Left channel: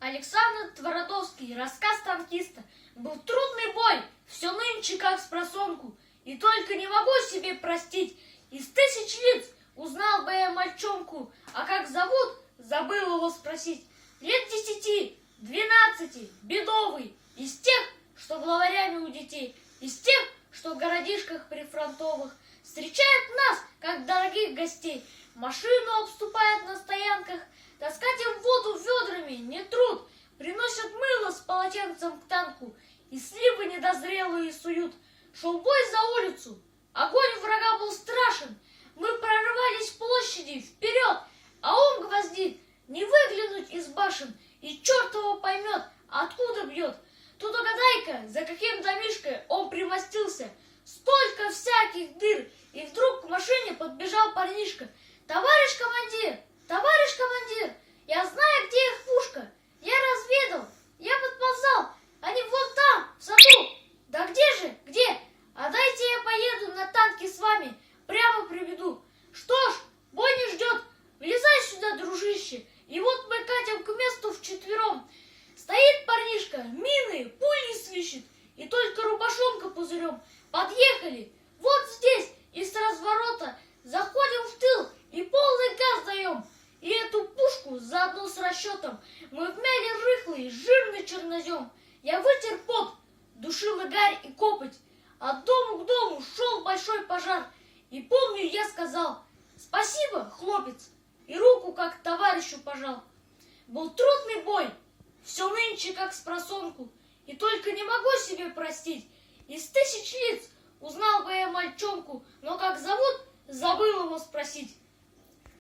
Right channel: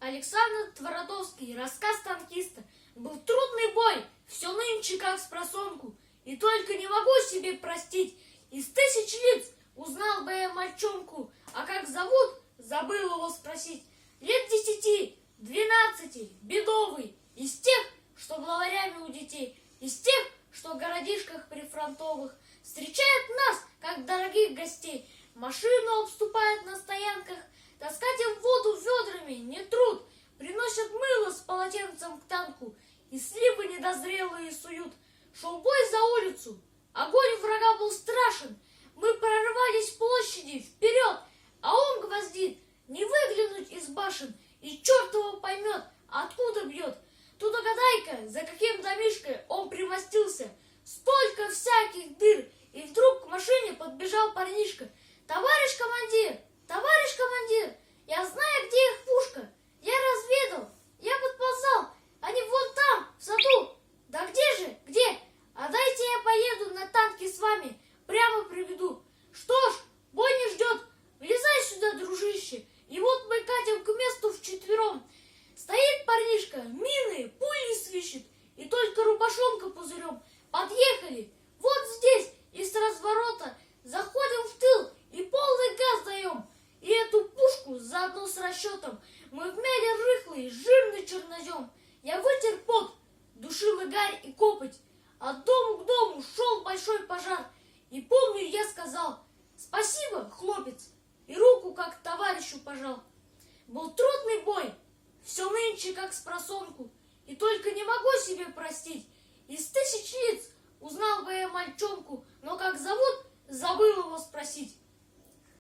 Александр Твардовский, рассказ танкиста. Был трудный бой, все нынче как спросонку, и только не могу себе простить. Из тысяч лиц узнал бы я мальчонку, а как зовут, забыл его спросить. Лет 10, 12, бедовый, из тех, что главарями у детей, из тех, что в городишках прифронтовых встречают нас, как дорогих гостей. Машину обступают на стоянках, таскать им воду ведрами не труд. Приносят мыло с полотенцем к танку и сливы недозрелые суют. Шел бой за улицу, огонь врага был страшен. Мы прорывались с площади вперед, а он гвоздит, не выглянуть из башен, и черт его поймет, откуда бьет. Тут угадай-ка, за каким домишкой он примостился. Столько всяких дыр, и вдруг к машине подбежал парнишка. Товарищ командир, я знаю, где их пушка. Я разведал, я подползал, они вон там, в саду. Да где же, где? А дайте я поеду на танке с вами, прямо приведу. Что ж, бой не ждет, влезай сюда, дружище. И вот мы катим к месту вчетвером. Стоит парнишка, мины, пули свищет, и только рубашонка пузырем. Подъехали, вот здесь, и с разворота заходим в тыл и полный газ даем. И эту пушку заодно с расчетом мы вмяли рыхлый, жирный чернозем. Я вытер пот, душил и гарь, и копоть. От дому к дому шел большой пожар. И помню, я сказал: спасибо, хлопец, и руку как товарищу пожал. Был трудный бой, все нынче как спросонку, и только не могу себе простить. Из тысяч лиц узнал бы я мальчонку, но как зовут, забыл его спросить.